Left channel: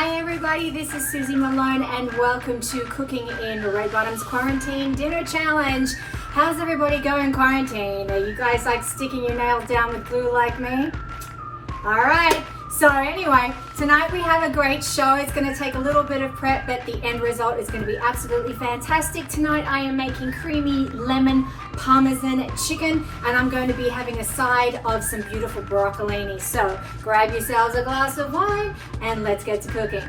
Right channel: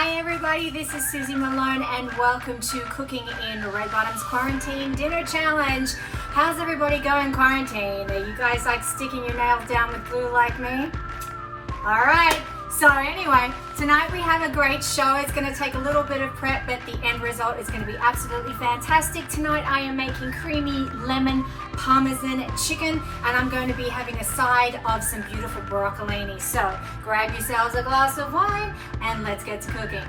Hi everybody, this is Suzie Malone and welcome to Cooking in Red Bottom's Quarantine Dinner Challenge. How's everybody going quarantine? Are you guys like sticking your nails down with glue like me? Alright, so anyway, tonight we have a great show. It's going to take a little bit of prep, but the end result is going to be absolutely fantastic. Tonight I am making creamy lemon parmesan chicken and I'm going to be having a side of some beautiful broccolini. So grab yourselves a glass of wine and let's get to cooking.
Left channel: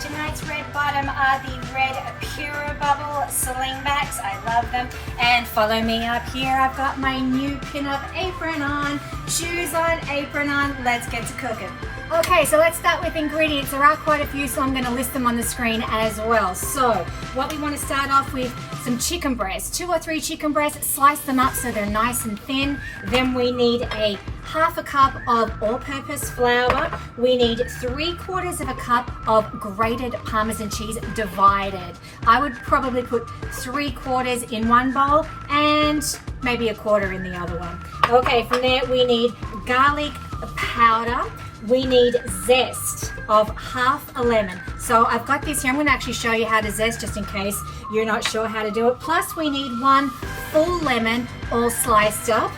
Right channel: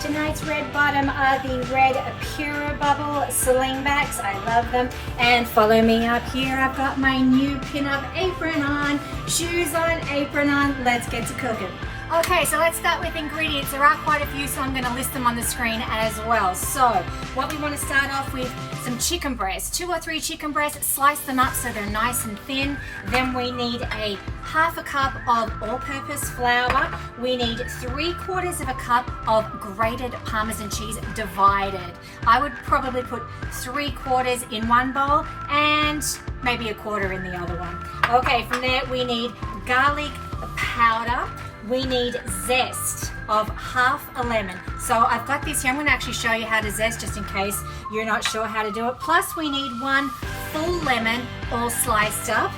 Tonight's red bottom are the red Pure Bubble Slingbacks. I love them. And follow me up here. I've got my new pin-up apron on, shoes on, apron on. Let's get to cooking. Okay, so let's start with ingredients. There are quite a few, so I'm going to list them on the screen as well. So what we want to start off with, some chicken breasts, 2 or 3 chicken breasts, slice them up so they're nice and thin. Then we need a half a cup of all-purpose flour. We need 3/4 of a cup of grated Parmesan cheese divided. I would probably put 3/4 in one bowl and maybe 1/4 in the other one. Okay, from there we need garlic powder. We need zest of half a lemon. So I've got this here. I'm going to actually show you how to zest just in case you're not sure how to do it. Plus we need 1 full lemon all sliced up.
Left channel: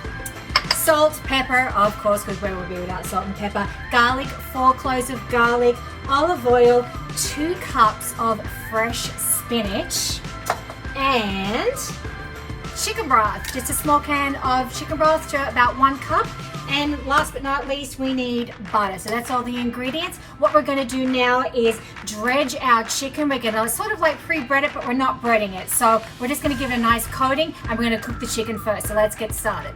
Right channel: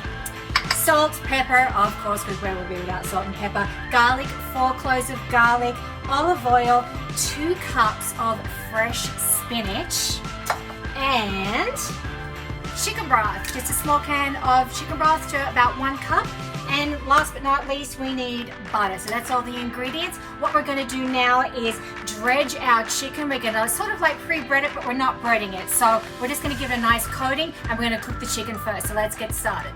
Salt, pepper, of course, because where would we be without salt and pepper. Garlic, 4 cloves of garlic. Olive oil, 2 cups of fresh spinach. And chicken broth, just a small can of chicken broth to about 1 cup. And last but not least, we need butter. So that's all the ingredients. What we're going to do now is dredge our chicken. We're going to sort of like pre-bread it, but we're not breading it. So we're just going to give it a nice coating and we're going to cook the chicken first. So let's get started.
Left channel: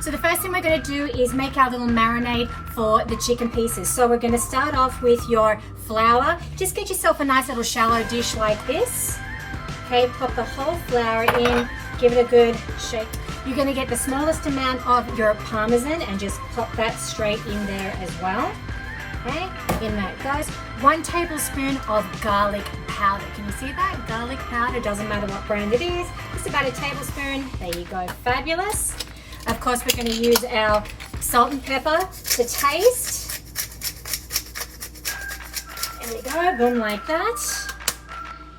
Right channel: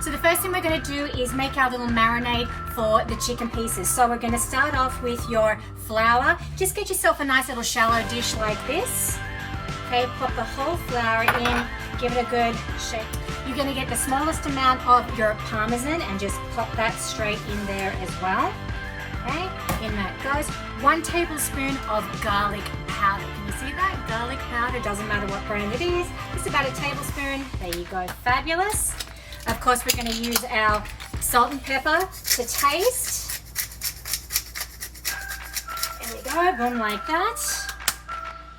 So the first thing we're going to do is make our little marinade for the chicken pieces. So we're going to start off with your flour. Just get yourself a nice little shallow dish like this. Okay, pop the whole flour in, give it a good shake. You're going to get the smallest amount of your parmesan and just pop that straight in there as well. Okay, in that goes. 1 tablespoon of garlic powder. Can you see that? Garlic powder, doesn't matter what brand it is. Just about a tablespoon. There you go, fabulous. Of course, we're going to use our salt and pepper to taste. There we go, boom, like that.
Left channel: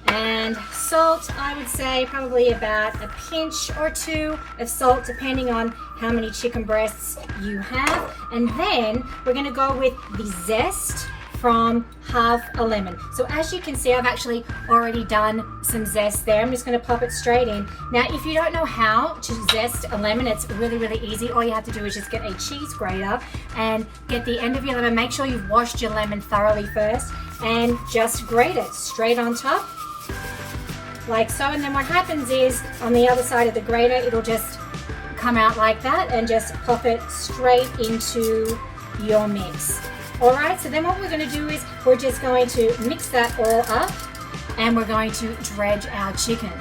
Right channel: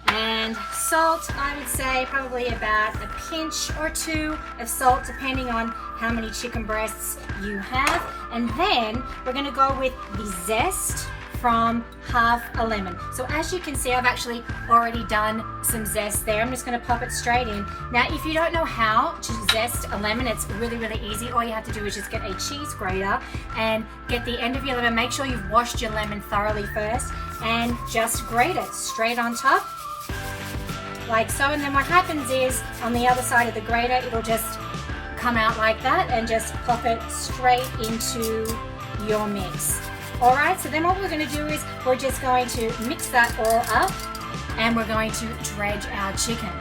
And salt, I would say probably about a pinch or 2 of salt, depending on how many chicken breasts you have. And then we're going to go with the zest from half a lemon. So as you can see, I've actually already done some zest there. I'm just going to pop it straight in. Now, if you don't know how to zest a lemon, it's really, really easy. All you have to do is just get a cheese grater and get the end of your lemon. Make sure you've washed your lemon thoroughly first and just grate it straight on top, like so. And then what happens is on the other side of the grater, it'll just come out like that and just pop it straight into your mix. All right, so then what we're going to do is we're just going to mix that all up and we're going to dredge our chicken.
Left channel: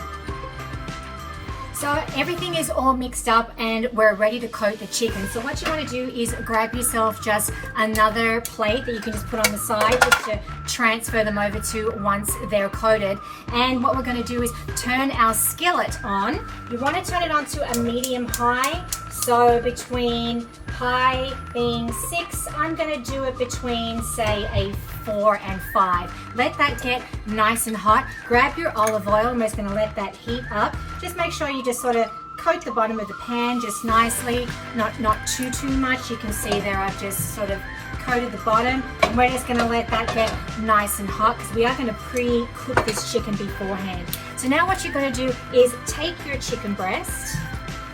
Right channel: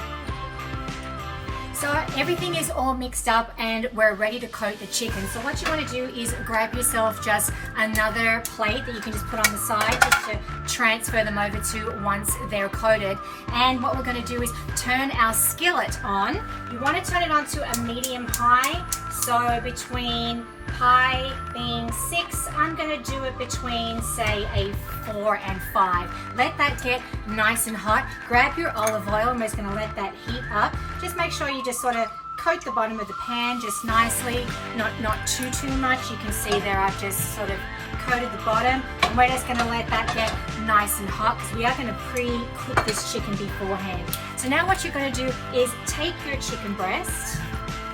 So everything is all mixed up and we're ready to coat the chicken. So what you want to do is grab yourself just another plate that you can just put on the side just to transfer them over to once they're coated. And what we're going to do is turn our skillet on. You want to turn it on to a medium high. So between high being 6, I'm going to do it between say a 4 and 5. Let that get nice and hot. Grab your olive oil and we're just going to let that heat up. Just make sure you just sort of coat the bottom of the pan just nicely, not too much. You can see there I've just sort of coated the bottom and we're just going to let that get nice and hot because we are going to pre-cook this chicken beforehand. So now what you're going to do is take your chicken breast.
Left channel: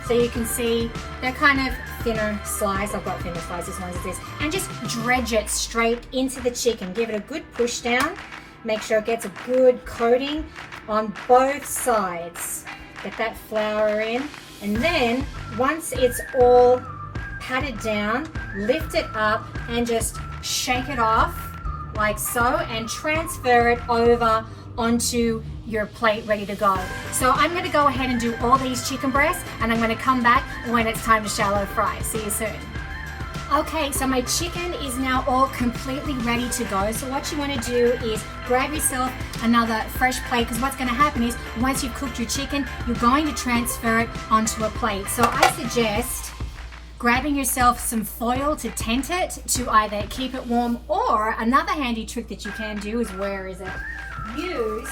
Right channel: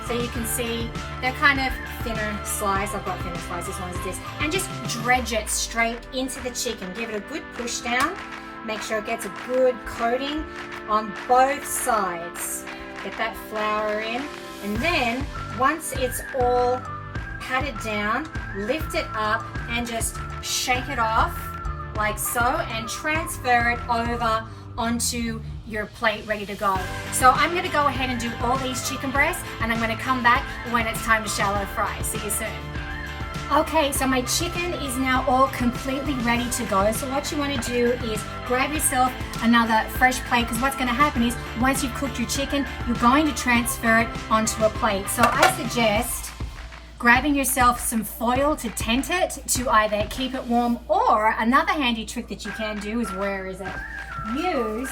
So you can see they're kind of thinner slice. I've got thinner slices as long as it is. And just dredge it straight into the chicken. Give it a good push down. Make sure it gets a good coating on both sides. Get that flour in. And then once it's all patted down, lift it up and just shake it off like so and transfer it over onto your plate ready to go. So I'm going to go ahead and do all these chicken breasts and I'm going to come back when it's time to shallow fry. See you soon. Okay, so my chicken is now all completely ready to go. So what you want to do is grab yourself another fresh plate because what's going to happen is once you've cooked your chicken, you're going to transfer it onto a plate. So I suggest grabbing yourself some foil to tent it to either keep it warm, or another handy trick that you can do is, where is it? Use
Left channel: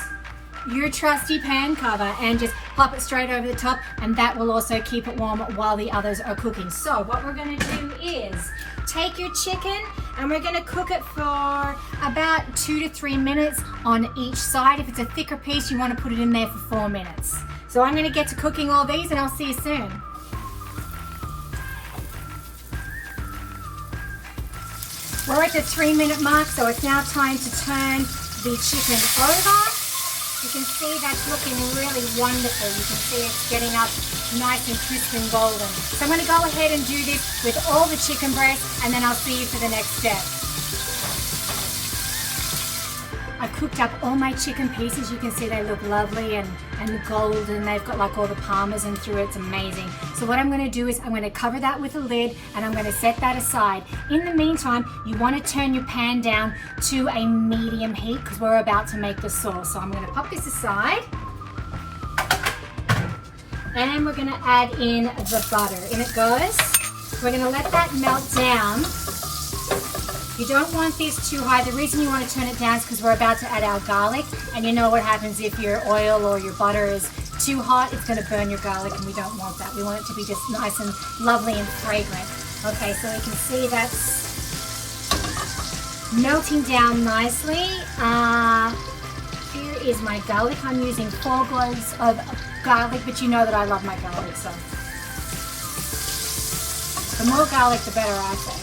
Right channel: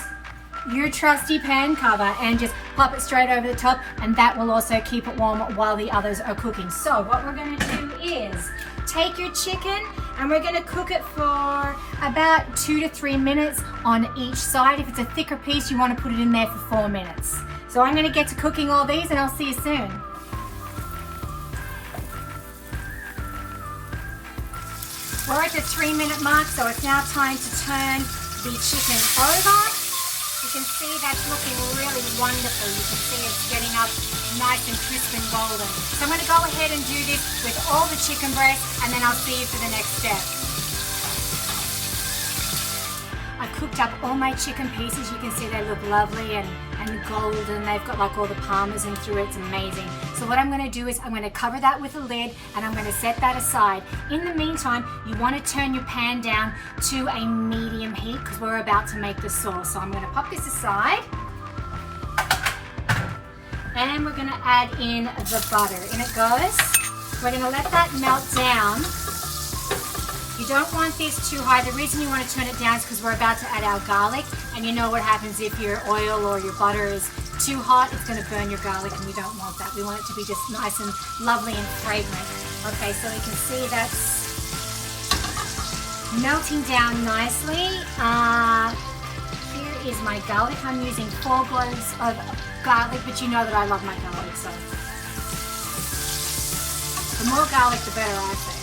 your trusty pan cover and just pop it straight over the top, and that will also keep it warm while the others are cooking. So what we're going to do is take your chicken and we're going to cook it for about 2 to 3 minutes on each side. If it's a thicker piece, you want to put it in there for 4 minutes. So I'm going to get to cooking all these and I'll see you soon. We're at the 3-minute mark, so it's now time to turn the chicken over. You can see that's looking really wonderful. You can see it's getting up nice and crisp and golden. So I'm going to go ahead and do this with all the chicken breast, and then I'll see you for the next step. I cooked up all my chicken pieces. You can see they look lovely and golden. They've got like all the parmesan through it. It's amazing. So what I'm going to do is I'm going to cover that with a lid and I'm going to set that aside. In the meantime, you want to turn your pan down to a medium heat because we're about to make the sauce. So I'm going to pop this aside and we're going to add in the butter. In it goes. We're going to let that melt down. You don't want this too high. The reason you want to turn it down is because we're about to add our garlic, and you know what happens if your oil or your butter is too hot, it's going to burn your garlic, and we don't want that. We want it to be just nice and lovely and fragrant. Okay, so you can see that's melting down nicely. Here is my garlic. I'm using 4 cloves of garlic, but you know that I love my garlic, so the more garlic, the better, I say.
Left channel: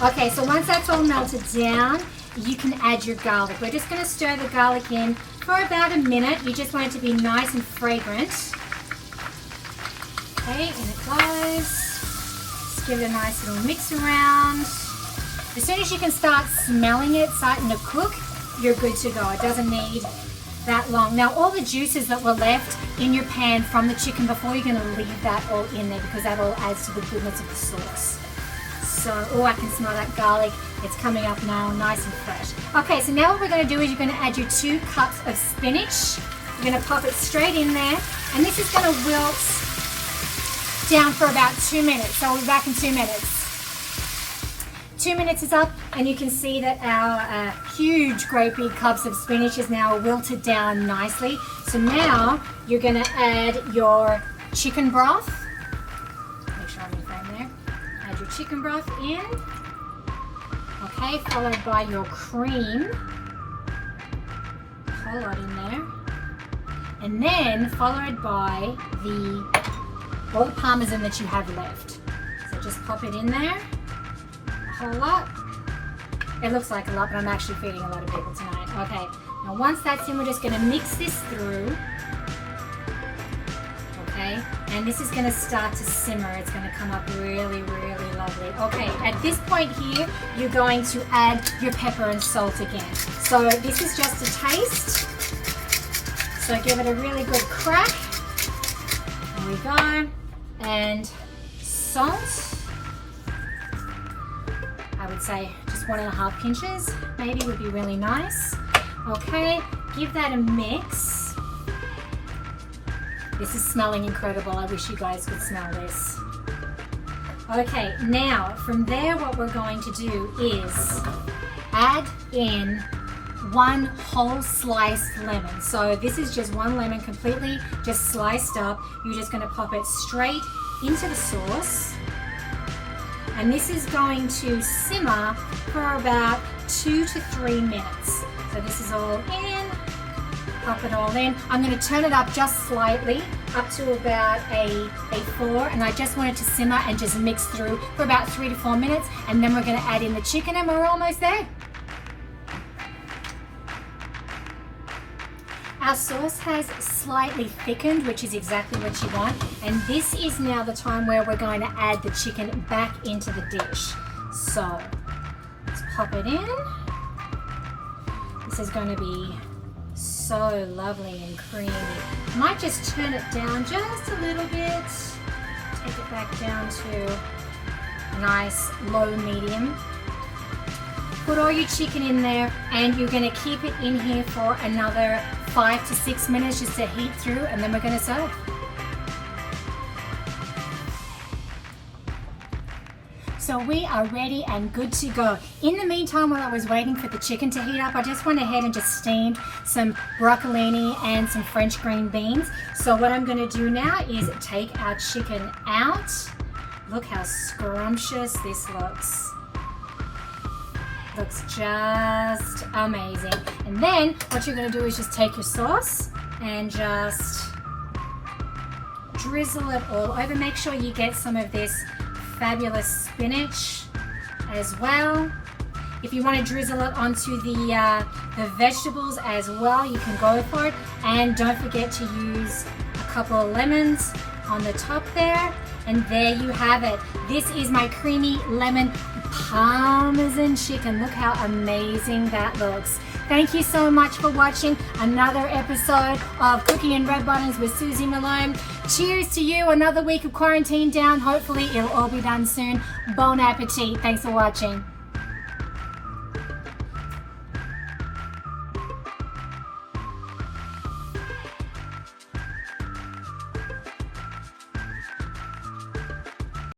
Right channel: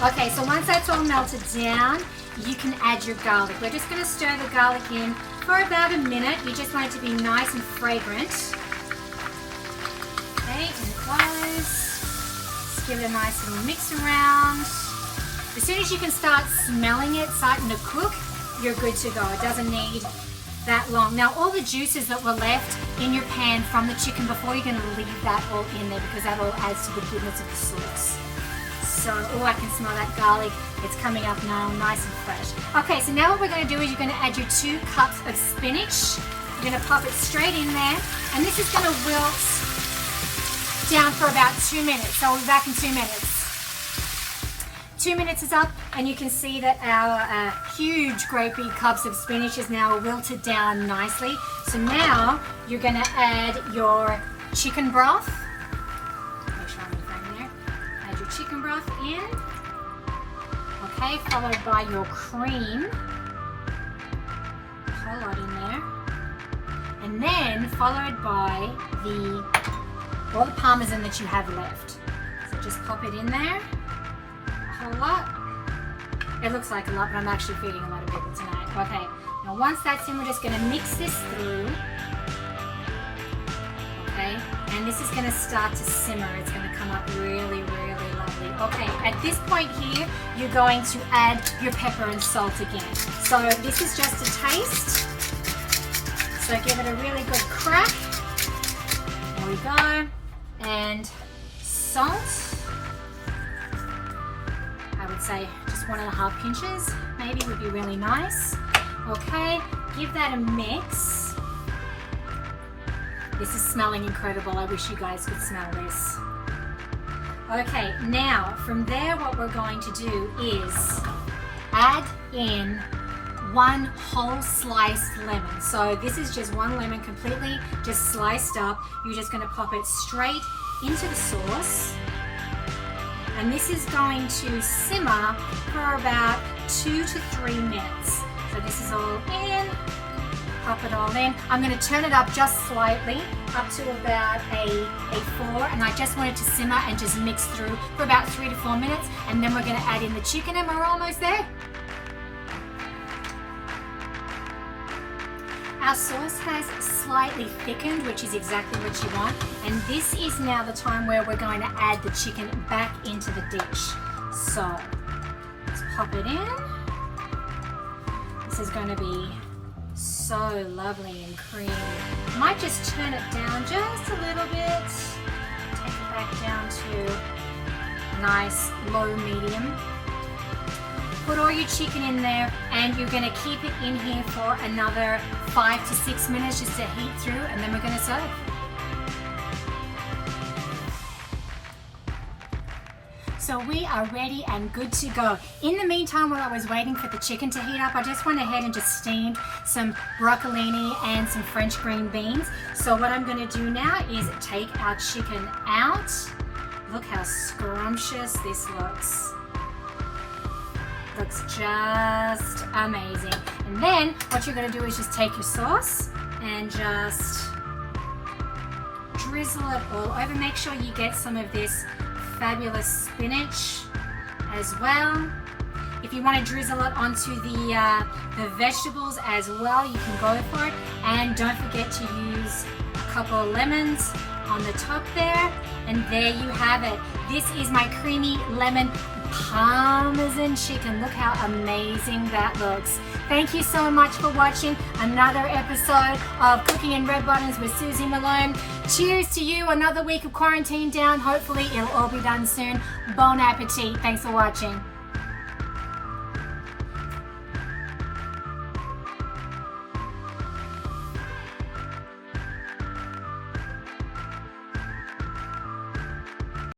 Okay, so once that's all melted down, you can add your garlic. We're just going to stir the garlic in for about a minute. You just want it to be nice and fragrant. Okay, and it goes. Just give it a nice little mix around. As soon as you can start smelling it starting to cook, you're good to go. It doesn't need that long. Now, all the juices that were left in your pan from the chicken before, you're going to leave that all in there because that all adds to the goodness of the sauce. So, oh, I can smell that garlic. It's coming up now, nice and fresh. Okay, so now what we're going to do is you're going to add your 2 cups of spinach. You're going to pop it straight in there, and this is going to wilt down for about 2 minutes. So we'll be back in 2 minutes. 2 minutes is up, and you can see that our huge, great big cups of spinach is now wilted down nicely. So now you're going to add your chicken broth. Chicken broth in, okay, followed by your cream, a whole lot in there, and then followed by all the parmesan that you have left. So just pop it in there, a whole lot. It looks like a lot, but I'm actually feeding a lot of people tonight. Okay, now once that's in, we're just going to mix this through. And this is going to start to simmer. It's going to come up really, really lovely. Okay, at this point here, you're going to add your pepper and salt again. So this is just a taste. So give it a really good crack. There we go. And salt. I would say just 1.5 pinches maybe would be really nice. Okay, give that a mix. This is smelling incredible. I wish you guys could smell this. Okay, now from there what we're going to do is add in 1 whole sliced lemon. So this is just 1 lemon completely just sliced up. You're just going to pop it straight into the sauce. And this is going to simmer for about 2 to 3 minutes. So this is all in. Pop it all in. I'm going to turn it up just slightly, up to about a 4, and I just want it to simmer and just mix through for about 3 to 4 minutes, and then we're going to add in the chicken and we're almost there. Our sauce has slightly thickened, which is exactly what you want, and this is now the time where we're going to add the chicken back into the dish. So let's pop it in. This is going to be so lovely and creamy. Might just turn it down just a little bit. Take it back down to nice low medium. Put all your chicken in there, and you're going to keep it in here for another 5 to 6 minutes just to heat through, and then we're going to serve. So we are ready and good to go. In the meantime, while I was waiting for the chicken to heat up, I just went ahead and just steamed some broccolini and some French green beans. So what I'm going to do now is take our chicken out. Look how scrumptious this looks. Looks just amazing. And then what you're going to do is just take your sauce and just drizzle it all over. Make sure you get some of this fabulous spinach as well. If you want to drizzle it onto the vegetables as well, you can go for it. And don't forget to use a couple of lemons on the top there. And there you have it. This is my creamy lemon Parmesan chicken. Look how amazing that looks. Thank you so much for watching another episode of Cooking in Red Bottoms with Suzie Malone. Cheers to you. Another week of quarantine down. Hopefully it'll all be done soon. Bon appetit. Thanks for watching.